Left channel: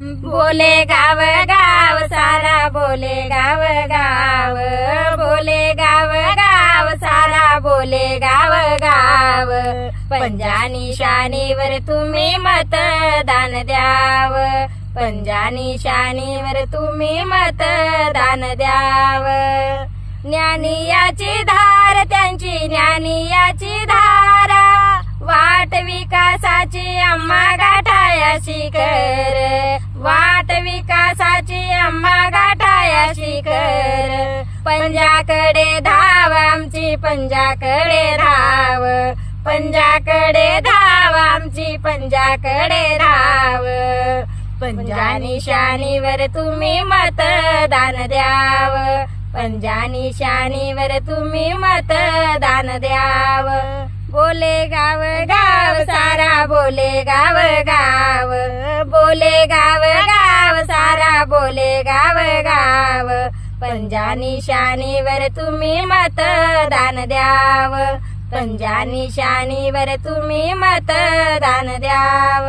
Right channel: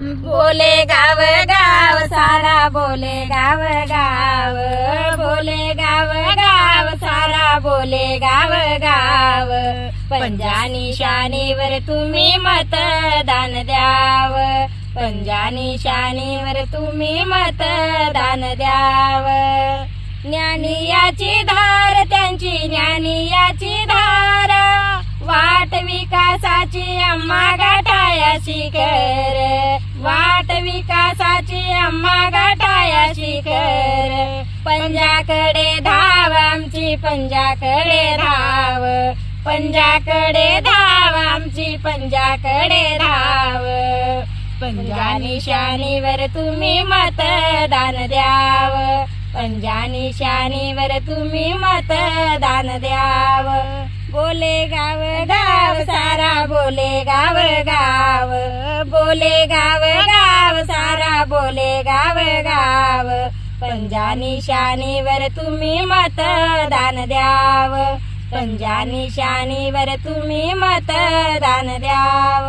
बोले गाव गाव सारा बोले गाव गाव, बोले गाव गाव सारा बोले गाव गाव, पंजा निशाणीवर तुम्ही मतदान द्याव, पंजा निशाणीवर तुम्ही मतदान द्याव। ज्ञानियाची धार त्यांची ज्ञानियाची धार, वाट विकासाची आम्हा गाठाया शिखर, वाट विकासाची आम्हा गाठाया शिखर। पंजाकडे धाव आमची पंजाकडे धाव, पंजाकडे धाव आमची पंजाकडे धाव, पंजा निशाणीवर तुम्ही मतदान द्याव, पंजा निशाणीवर तुम्ही मतदान द्याव। बोले गाव गाव सारा बोले गाव गाव, बोले गाव गाव सारा बोले गाव गाव, पंजा निशाणीवर तुम्ही मतदान द्याव, पंजा निशाणीवर तुम्ही मतदान द्याव।